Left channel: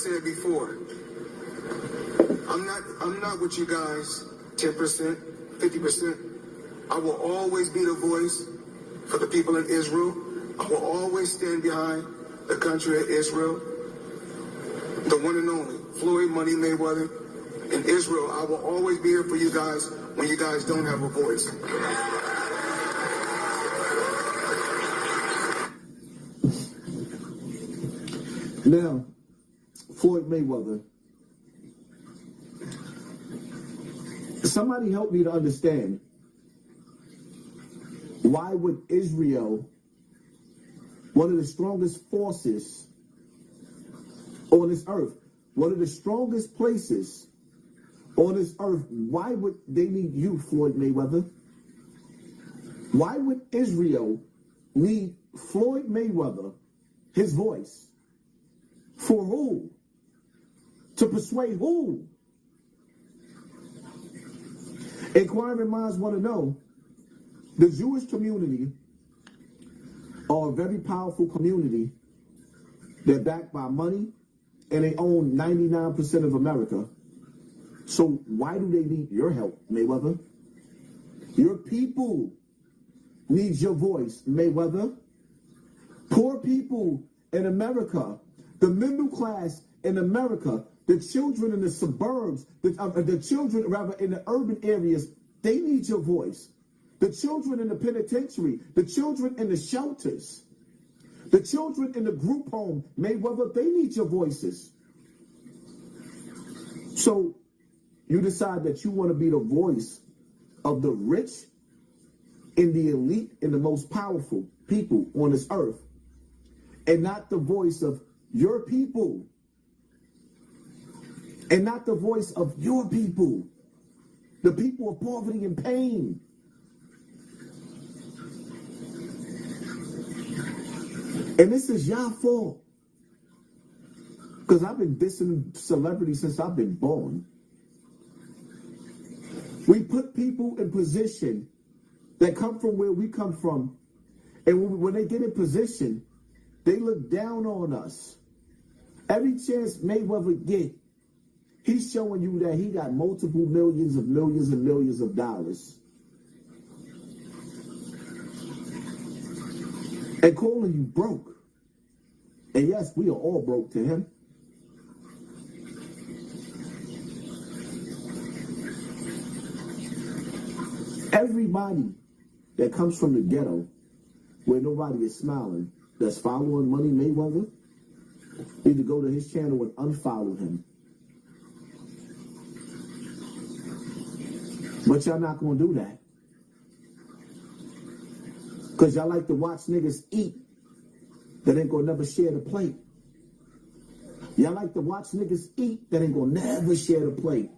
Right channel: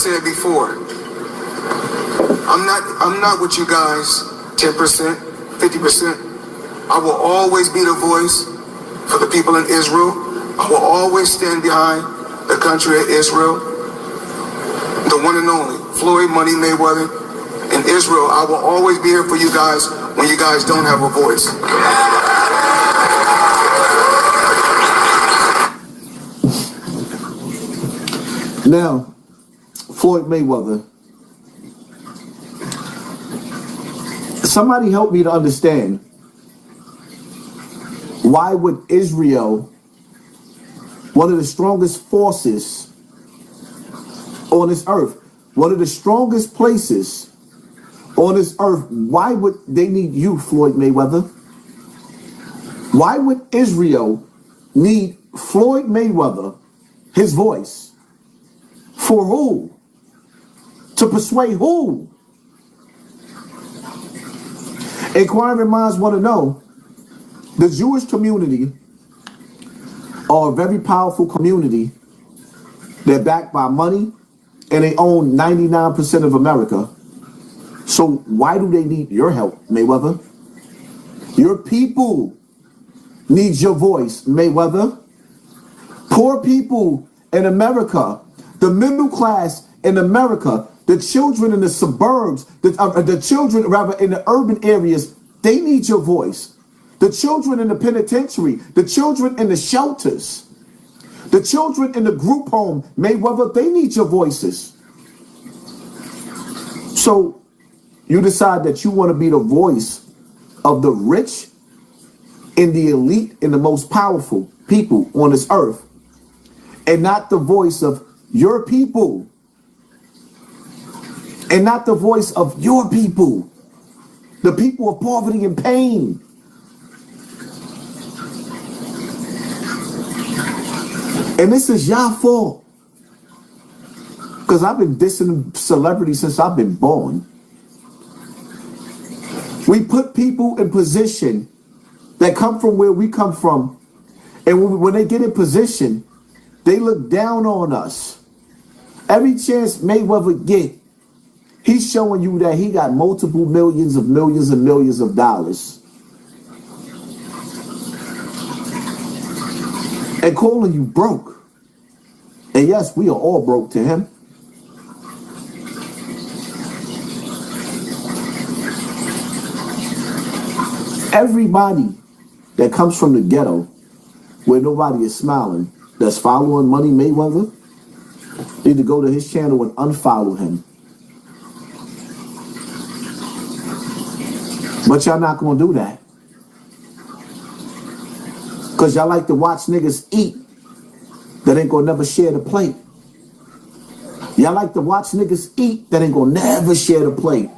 said before, I'm not with you guys 10%, 50%. I will always be the voice for the people in Israel. I will always stand behind the country of Israel, the one and only Floyd Money Mayweather in Israel. I will always be here for you guys when you guys don't have a voice. Now, Floyd Mayweather, somebody help me to understand, why would Israel, one of the strongest forces on this earth, one of the strongest places on this earth, why would they need you, Floyd Mayweather? Why would Israel need Floyd Mayweather, his voice? For who? To persuade who? Inquiring minds want to know. The Jewish community are a very powerful community. They're backed by money and they own 99% of America. So why do they need your help, Mayweather? Your people need your voice, Mayweather. Poor people in America, the middle class in America, the children in the suburbs, the children rather in the urban areas, they need your voice. The children in the penitentiary, the children in the shelters, the children in the group home, Mayweather, they need your voices. So you decide that you want to be the voice of the rich and the elite and the most powerful people on this earth, and not the voice of your people, and not the voice of your people, the people of poverty and pain. And this is y'all fault. Because I've been dissing celebrities since I've been born. We put people in position that come from where we come from. And when they get in position, they look down on us. Every chance Mayweather get, he's showing you that he got multiple millions and millions of dollars. And calling you broke. And yes, we are all broke to him. Everybody that comes from the ghetto where nobody is smiling, that's following Money Mayweather, need to go to his channel and unfollow him. But y'all not gonna do that. Because y'all like to watch niggas eat that ain't gonna never share the plate. Y'all like to watch niggas eat that ain't gonna never share the plate.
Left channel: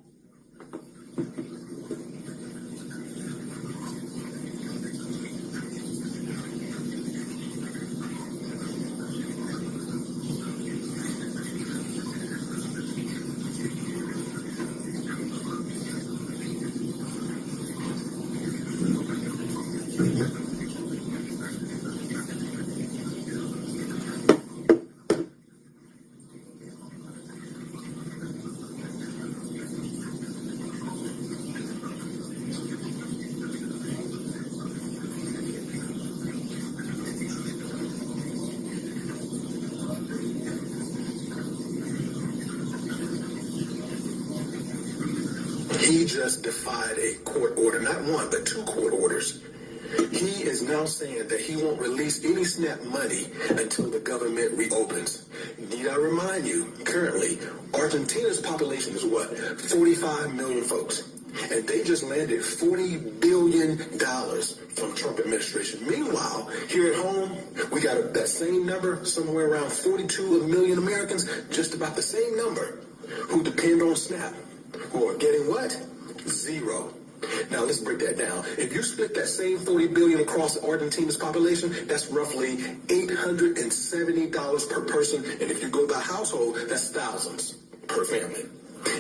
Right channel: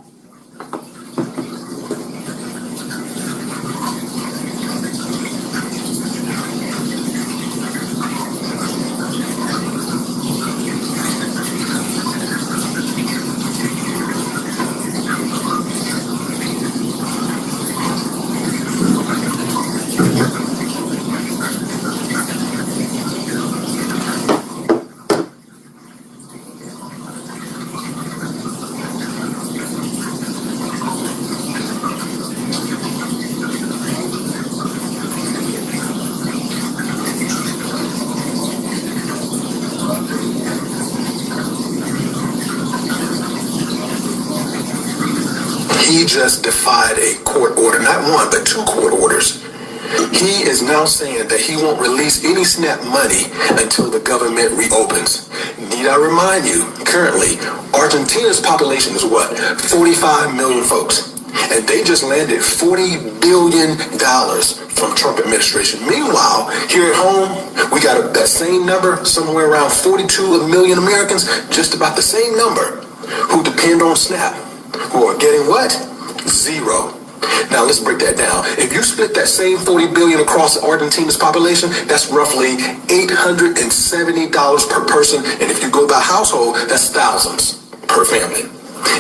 He just defied a court order, not one, but 2 court orders. He is now saying that he won't release any SNAP money until the government reopens. Need I remind you, currently, Argentina's population is what? 45 million folks. And they just landed $40 billion from Trump administration. Meanwhile, here at home, we got that same number, somewhere around 42 million Americans, just about the same number, who depend on SNAP. Who are getting what? 0. Now let's break that down. If you split that same 40 billion across Argentina's population, that's roughly $870 per person. And if you go by household, that's thousands per family.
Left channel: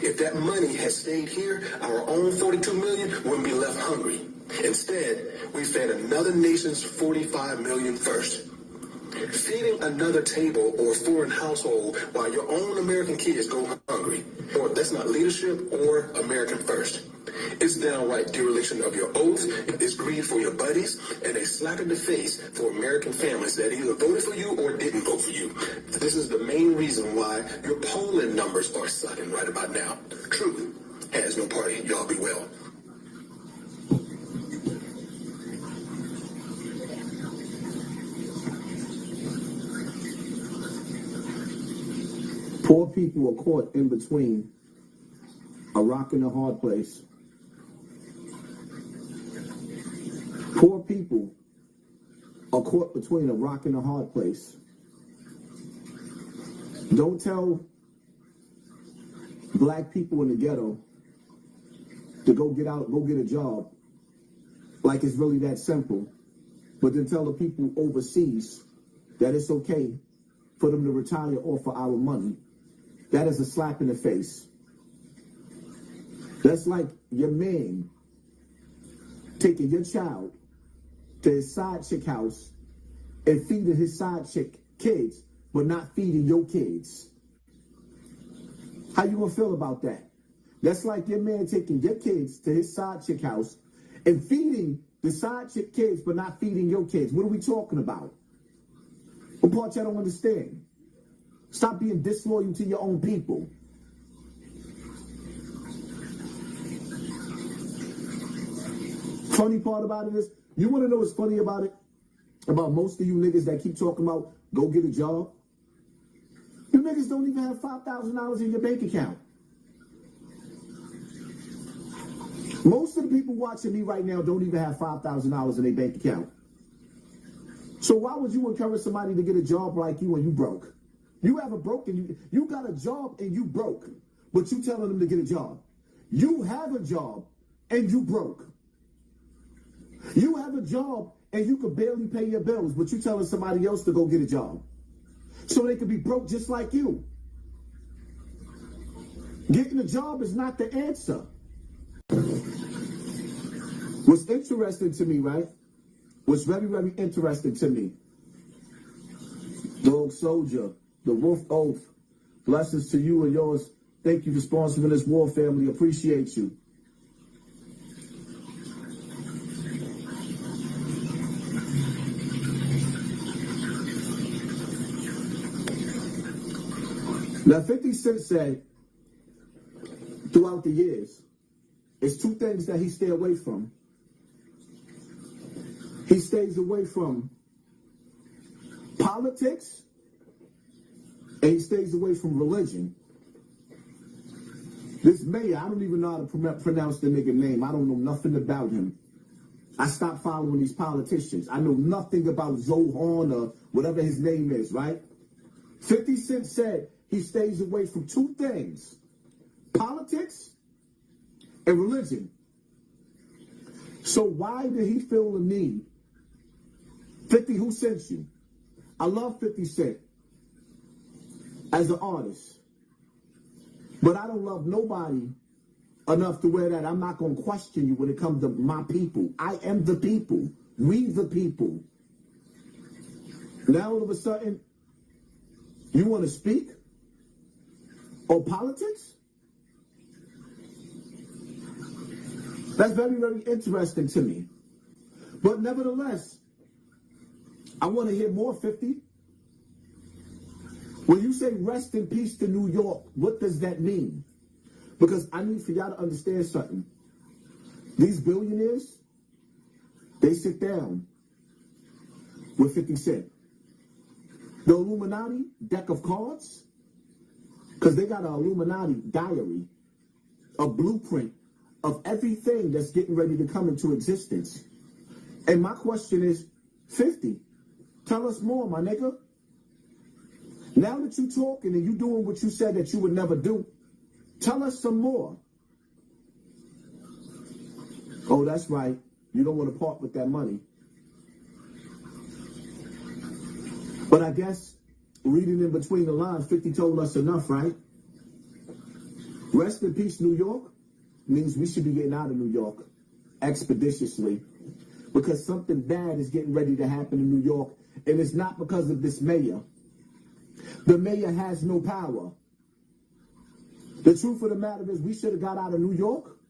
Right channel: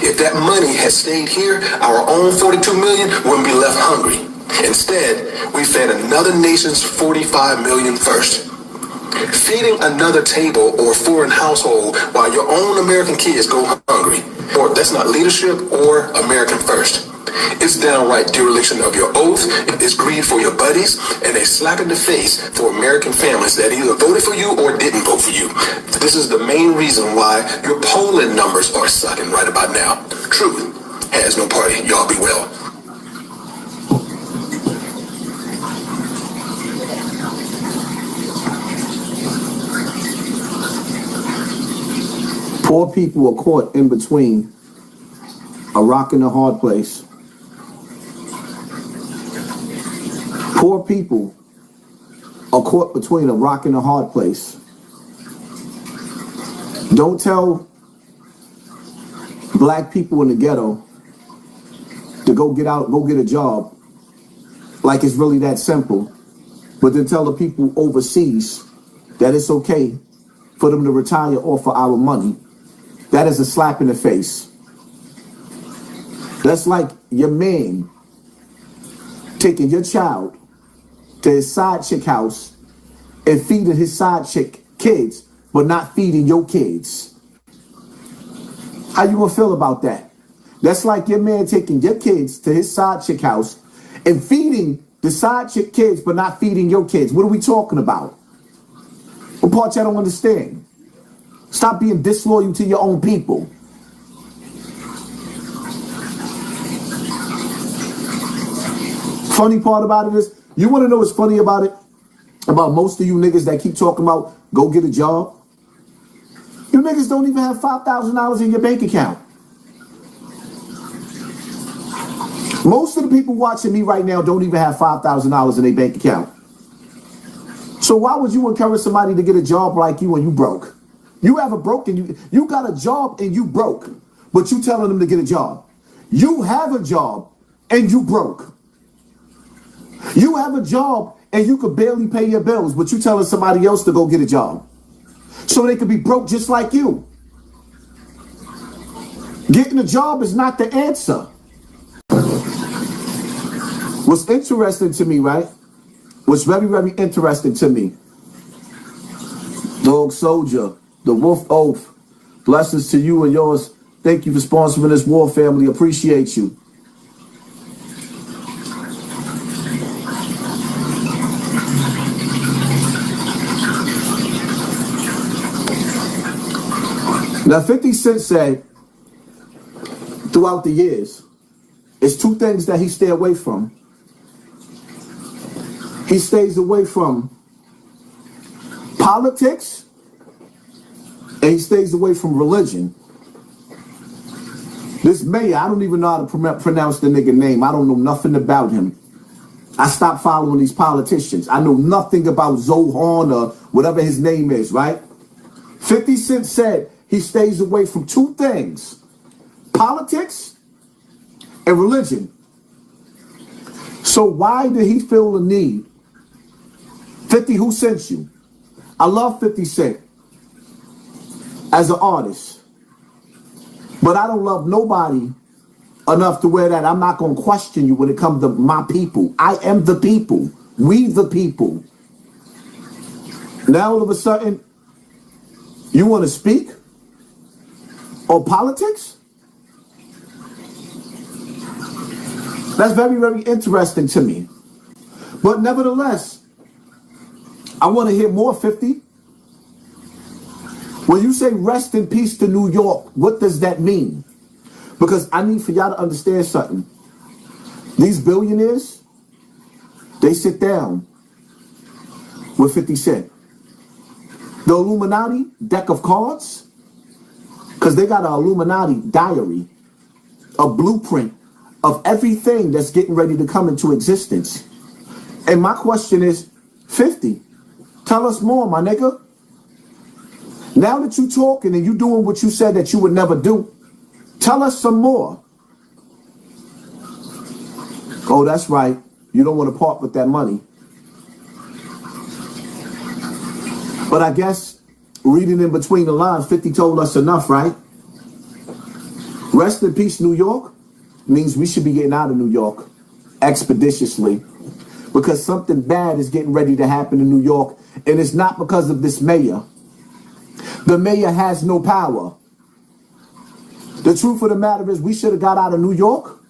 If that money had stayed here, our own 42 million wouldn't be left hungry. Instead, we fed another nation's 45 million first. Feeding another table or foreign household while your own American kids go hungry, or that's not leadership or American first. It's downright dereliction of your oath, it's greed for your buddies, and a slap in the face for American families that either voted for you or didn't vote for you. This is the main reason why your polling numbers are sucking right about now. Truth has no party. Y'all be well. Poor people are caught in between a rock and a hard place. Poor people are caught between a rock and a hard place. Don't tell black people in the ghetto to go get a job like it's really that simple, but then tell the people overseas that it's okay for them to retire off of our money. That is a slap in the face. That's like your man taking your child to his side chick house and feeding his side chick kids, but not feeding your kids. How you gonna feel about that? That's like your man taking your kids to his side chick house and feeding the side chick kids, but not feeding your kids. What are we talking about? What part y'all don't understand? Stop being disloyal to your own people. Funny part about it is, you want to know what's funny about it? About most of you niggas that keep talking about go get a job. You niggas don't even have $5,000 in your bank account. Most of the people watching me right now don't even have $5,000 in their bank account. So why would you encourage somebody to get a job like you when you broke? You have a broke and you got a job and you broke, but you telling them to get a job. You have a job and you broke. You have a job and you could barely pay your bills, but you telling somebody else to go get a job so they could be broke just like you. Getting a job is not the answer. What's interesting to me, right? What's very, very interesting to me. Dog Soldier, the Wolf Oath, blessings to you and yours. Thank you for sponsoring this war, family. Appreciate you. Now, 50 Cent said throughout the years, it's two things that he stay away from. He stays away from politics and he stays away from religion. This mayor, I don't even know how to pronounce the nigga name. I don't know nothing about him. I stopped following these politicians. I know nothing about Zohan or whatever his name is, right? 50 Cent said he stays away from two things: politics and religion. So why did he feel the need? 50, who sent you? I love 50 Cent as an artist, but I don't love nobody enough to wear that I'm not going to question you when it comes to my people. I am the people. We the people. Now all of a sudden, you want to speak on politics? That's very, very interesting to me. But nevertheless, I want to hear more, 50. When you say rest in peace to New York, what does that mean? Because I need for y'all to understand something. These billionaires, they sit down with 50 Cent. The Illuminati deck of cards, because they got an Illuminati diary, a blueprint of everything that's getting ready to come into existence. And my question is, 50, tell us more, my nigga. Now that you talking and you doing what you said that you would never do, tell us some more. Oh, that's right. You don't want to part with that money. But I guess reading in between the lines, 50 told us enough, right? Rest in peace, New York, means we should be getting out of New York expeditiously, because something bad is getting ready to happen in New York, And it's not because of this mayor. The mayor has no power. The truth of the matter is we should have got out of New York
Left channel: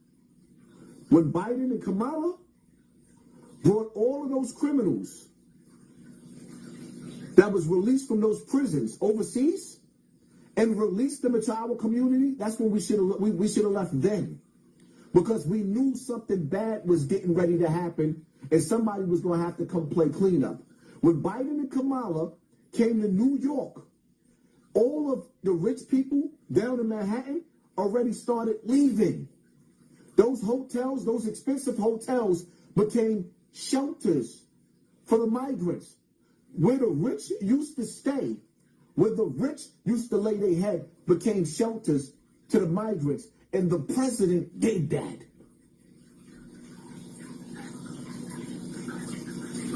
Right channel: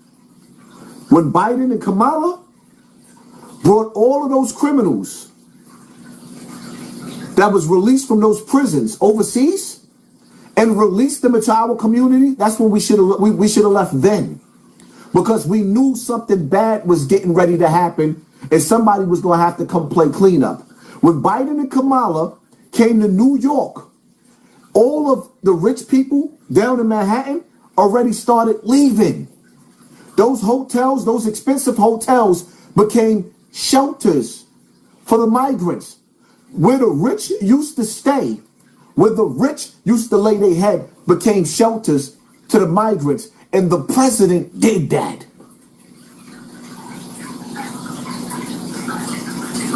when Biden and Kamala brought all of those criminals that was released from those prisons overseas and released them into our community. That's when we should have left then, because we knew something bad was getting ready to happen and somebody was going to have to come play cleanup. When Biden and Kamala came to New York, all of the rich people down in Manhattan already started leaving. Those hotels, those expensive hotels, became shelters for the migrants. Where the rich used to stay, where the rich used to lay their head, became shelters to the migrants. And the president did that.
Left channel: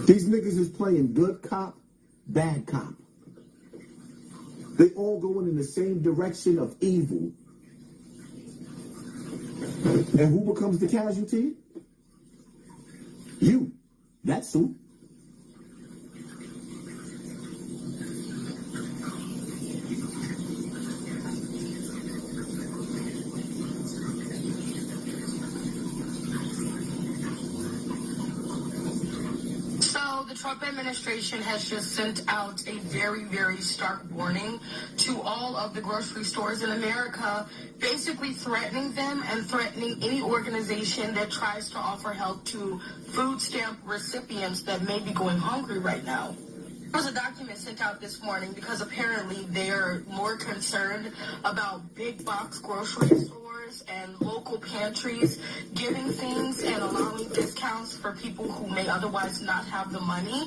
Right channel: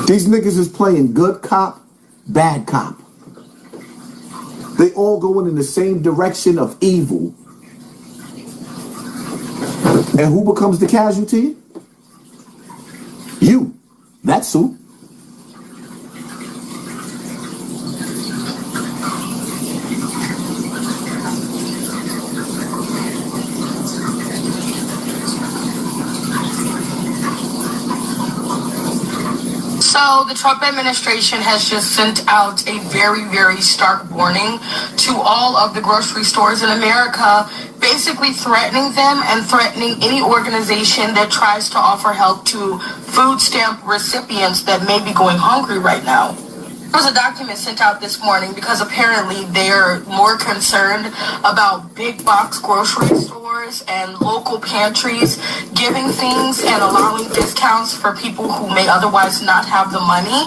These niggas is playing good cop, bad cop. They all going in the same direction of evil. And who becomes the casualty? You. That's who. So the Trump administration has just sent out a very, very stark warning to all of the grocery stores in America, basically threatening them and threatening any organization that tries to offer help to food stamp recipients that may be going hungry right now. There was a document sent out this morning because apparently they're more concerned about big box grocery stores and local pantries giving things and allowing discounts for people who may otherwise not have the money,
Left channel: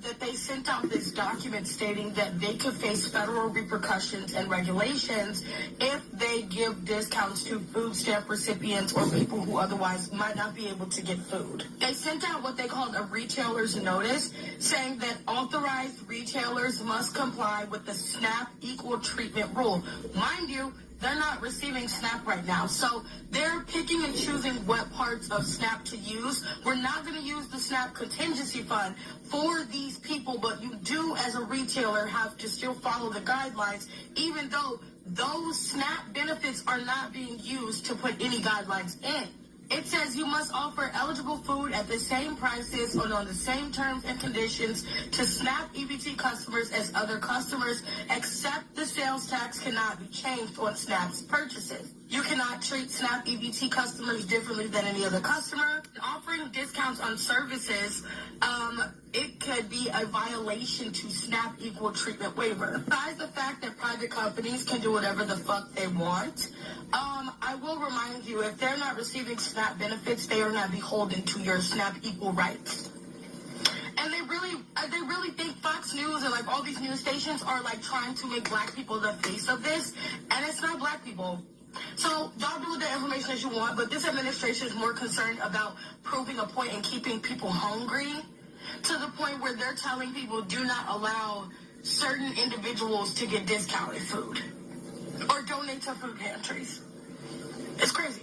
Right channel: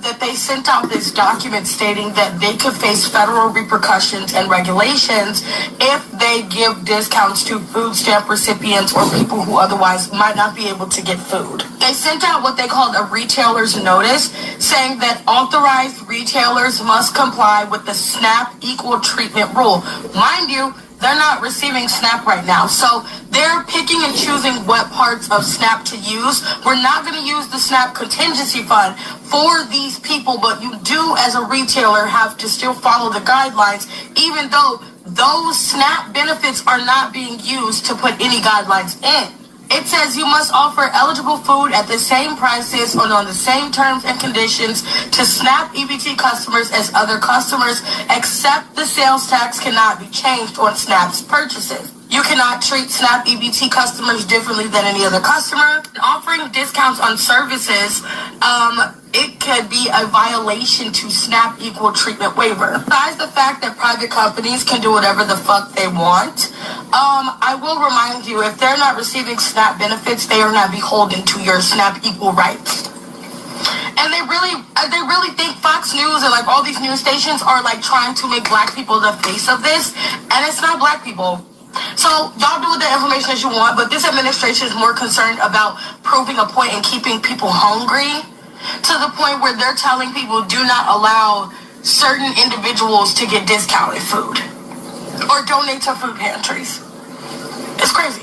that they sent out this document stating that they could face federal repercussions and regulations if they give discounts to food stamp recipients or people who otherwise might not be able to get food. They sent out what they called a retailer's notice saying that authorized retailers must comply with the SNAP equal treatment rule. Mind you, they're not receiving SNAP right now, so they're picking and choosing what parts of SNAP to use. We're not going to use the SNAP contingency fund for these people, but you do, as a retailer, have to still follow the guidelines, even though those SNAP benefits are not being used to put any guidelines in. It says you must offer eligible food at the same prices and on the same terms and conditions to SNAP EBT customers as other customers, except the sales tax cannot be changed on SNAP's purchases. You cannot treat SNAP EBT customers differently than any other customer. Offering discounts on services, it could be a violation to SNAP equal treatment waiver. Besides the fact that private companies can do whatever the fuck they want, I will remind you, if they're not receiving SNAP benefits, they are not beholden to your SNAP equal rights. And they really think Fox News and like all these news stations are like trying to make black people the face of this, and it's not black people. So y'all do with the information as you want, but this administration is more concerned about proving a point and keeping people hungry to the point where they're telling people do not allow certain individuals to get discounted food or donate to food pantries. It's crazy.